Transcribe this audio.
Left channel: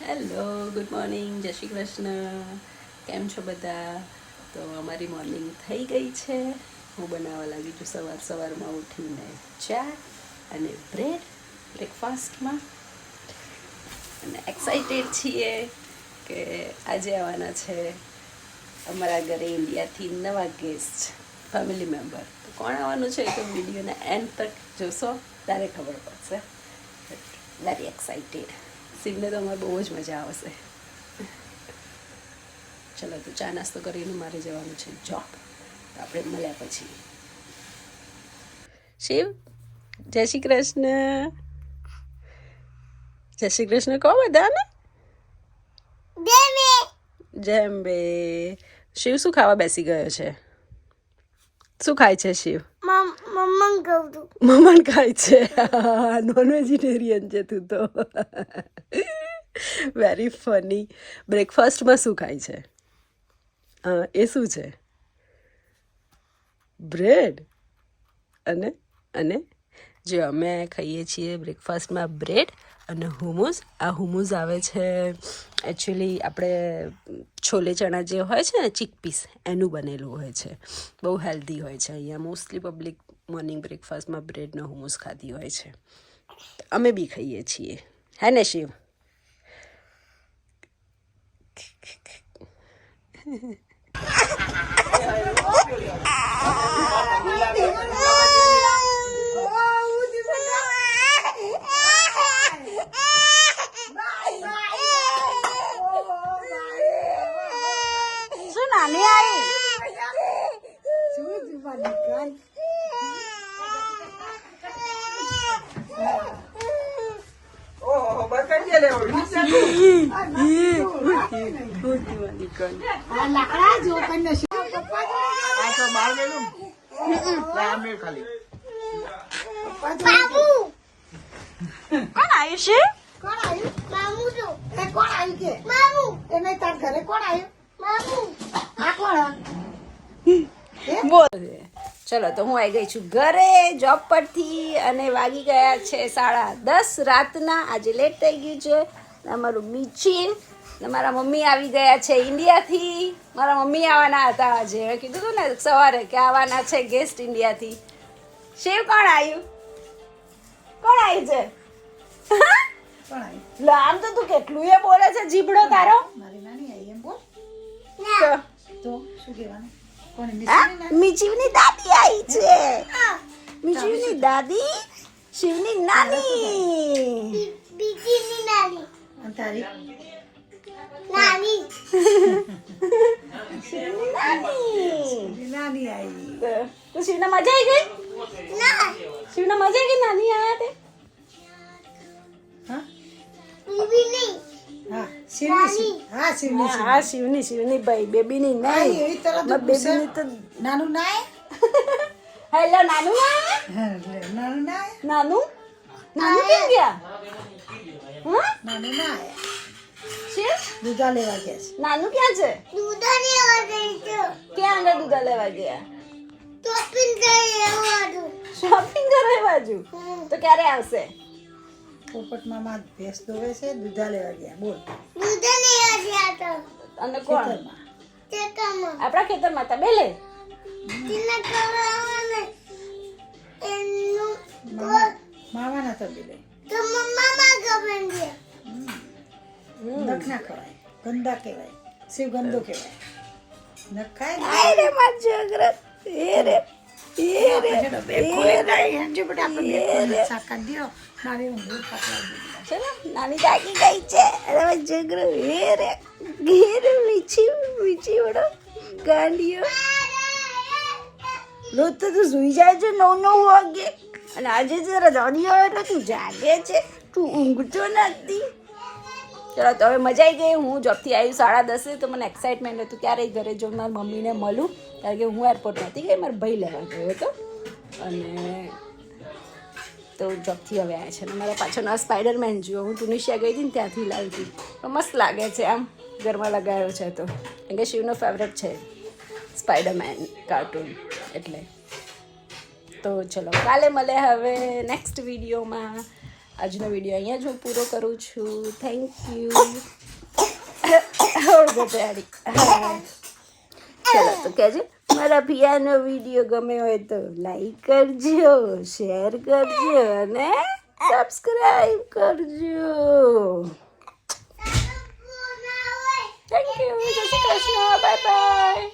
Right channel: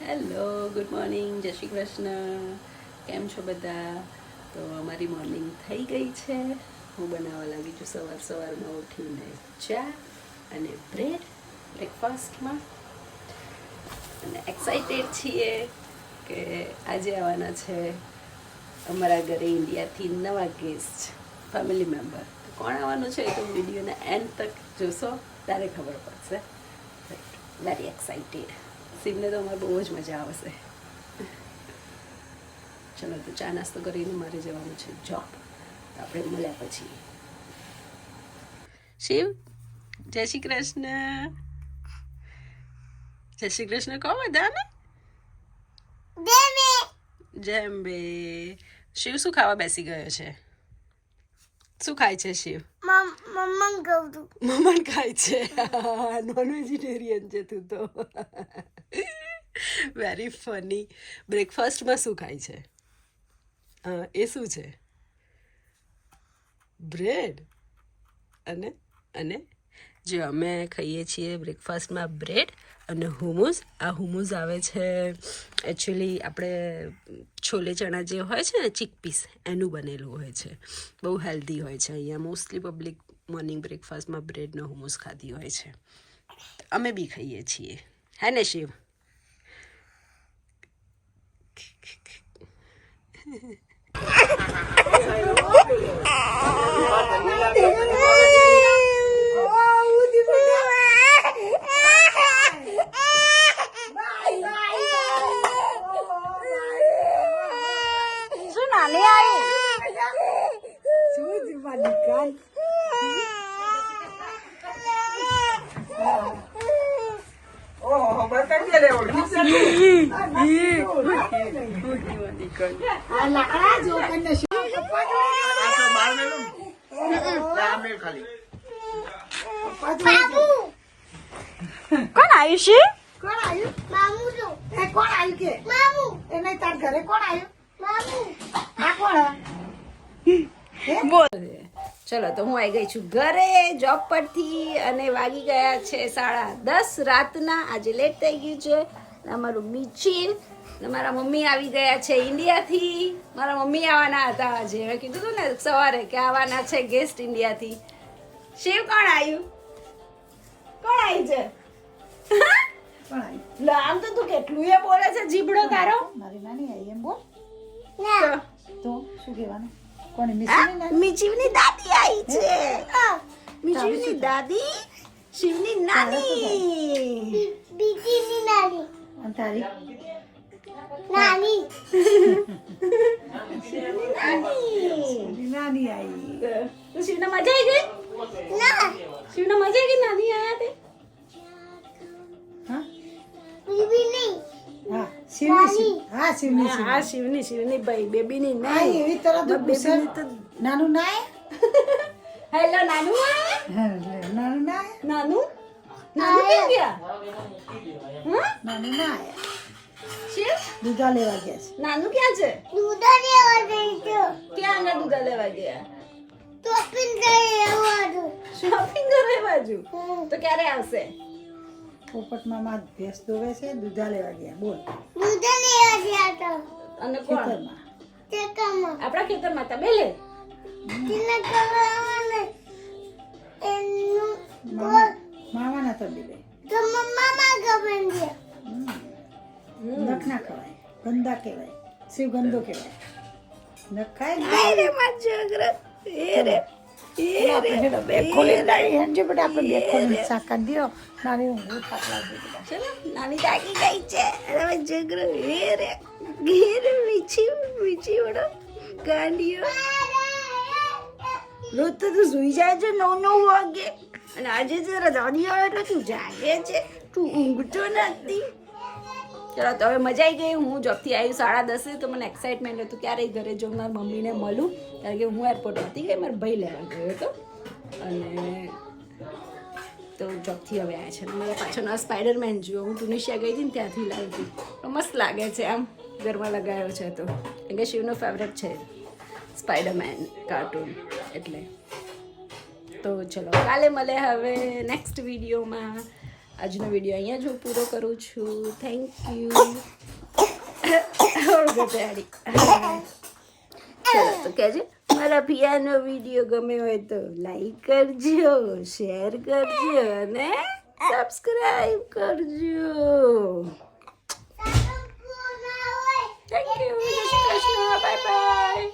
Hello, good morning, જય શ્રી કૃષ્ણ. કેમ છો બધા? તો અમારી મોર્નિંગ થઈ ગઈ છે. હું બનાવવા લાગી છું સવારમાં ઉઠીને ચા અને બ્રેડ બ્રેકફાસ્ટમાં. અને એક્સાઇટેડ છીએ કે આજે આવવાના છે અમારા ઘરે ઇન્ડિયાથી નવા ગેસ્ટ ફેમિલી મેમ્બર. તો કોણ આવવાનું છે એ તો વિડીયોના એન્ડ તક જોશો ત્યારે ખબર પડશે. Very excited. શિવને તો અમારે બહુ જ મજા આવશે. ચલો તો ચા નાસ્તો કરીને મારે જવાનું છે જોબ. તો આપણે મળ્યા પછી. શિવ, જય શ્રી કૃષ્ણ. જય શ્રી કૃષ્ણ કહો બધાને. જેમ બે. શિવ શું ખાવા બેસી ગયો છે? શું ખાય છે શિવ? મમન ખાય છે. નોન વેજીટેરિયન છે તું તો. Very funny. બ્રેકફાસ્ટમાં શું ખાય છે? એ શું છે? બ્રેડ. અને અને જે અમે ખાઈએ છીએ બ્રેકફાસ્ટમાં બ્રેડ અને હુમુસ. આ હુમુસ આવે છે એકચ્યુઅલી આપણે છોલે ચણા જે હોય છે ને ચીકપીસ એનું બનેલું હોય છે. બહુ હેલ્ધી હોય છે. અહીંયા મોસ્ટલી પબ્લિક મોર્નિંગ બ્રેકફાસ્ટમાં બ્રેડનો હુમુસ ખાતી હોય છે. અમે બી ખાઈએ છીએ. હે ને શિવ? કોણ આવ્યું છે? ચલો તો હું આવી ગઈ છું ઘરે જોબ પરથી અને વાગી ગયા છે 10:30 રાતના. આજે લેટ થઈ ગયું છે. અમારું મીચીન મારા મમ્મી આવી ગયા છે ઇન્ડિયાથી. મારા મમ્મી આવવાના હતા આજે. મેં કીધું હતું ને સવારે કે આવવાના છે ગેસ્ટ ઇન્ડિયાથી. શિવ, કોણ આવ્યું? કોણ આવ્યું છે? આમ તો તું કેટલું એ બોલે છે જીભડો તારો. મારી નાની આવી એમ બોલ તો શું કહેવાનું? કોને મીચીની દાદી આવી છે. મીચીની દાદી, શિવની નાની. તારી નાની આવી. તો શિવને મજા આવી ગઈ? શિવને મજા આવી ગઈ નાની આયા તે? હા શિવની ભાઈ, બેબીની નહીં. એવી તરત બેબીની તો નાનું ના હેલો નાનું નાનું ના નાનું નાનું કેમ ગયા? નાનું ના શિવ, દૂધા લેવા ગયા છે. નાનું ક્યાં છે? ક્યાં આગળ દૂધા લેવા ગયા? શોપિંગ કરવા બાજુ. તો ક્યારે આવશે? પોપટમાં માં ભેંસ દોવે છે, દૂધા લેવા ગયા. બોલ. અને કોણ? આપણા ખેતરમાં હતા બેલે. માવાના તો બી લે. નખ ના ખવાય, ગંદા કહેવાય. શિવ ગંદો કહેવાય. નખ ખાય ને રે માં જગરત. એ રે ચલો નાની જાગી ગઈ છે. અરે જગર રે ઘેર મીચી વડો ગાંડીઓ. રોજ તો તું સુઈ જાય છે 9 વાગે અને આજે જરા દાદી આવે એટલે તું જાગે છે. તું ઊંઘતો નથી. ચલો તો હવે મજા આવી ગઈ. હું જોબથી આવી 10:30 તો મને એક્સાઇટમેન્ટ હતું ક્યારેય ઘરે જો મારી મમ્મીને મળું, કારણ કે હું એરપોર્ટ નથી ગઈ, મારો ભાઈ લેવા ગયો હતો. અને તો જોબથી હવે આવ્યા છે. અને મારા પાછળનો આ સ્પાઈડરમેન જુઓ, હું ટુનિશિયા ગઈ હતી ને ત્યાંથી લાવી હતી. તો મસ્ત લાગે છે આમ ઘરમાં લગાવ્યો છે. તો કેમ કે શિવનો ફેવરેટ છે સ્પાઈડરમેન કાર્ટૂન એટલે. તો ચલો કાલે મળે હવે નેક્સ્ટ વિડીયોમાં. આજનો વિડીયો અહીંયા જ હું પૂરો કરું છું. Thank you. ગટાડી. ચલો તો કહેજે મારા પિયાનો વિડીયો ગમે હોય તો લાઈક કરજો, શેર કરજો અને સબસ્ક્રાઈબ કરજો. Thank you. જય શ્રી કૃષ્ણ. Bye bye.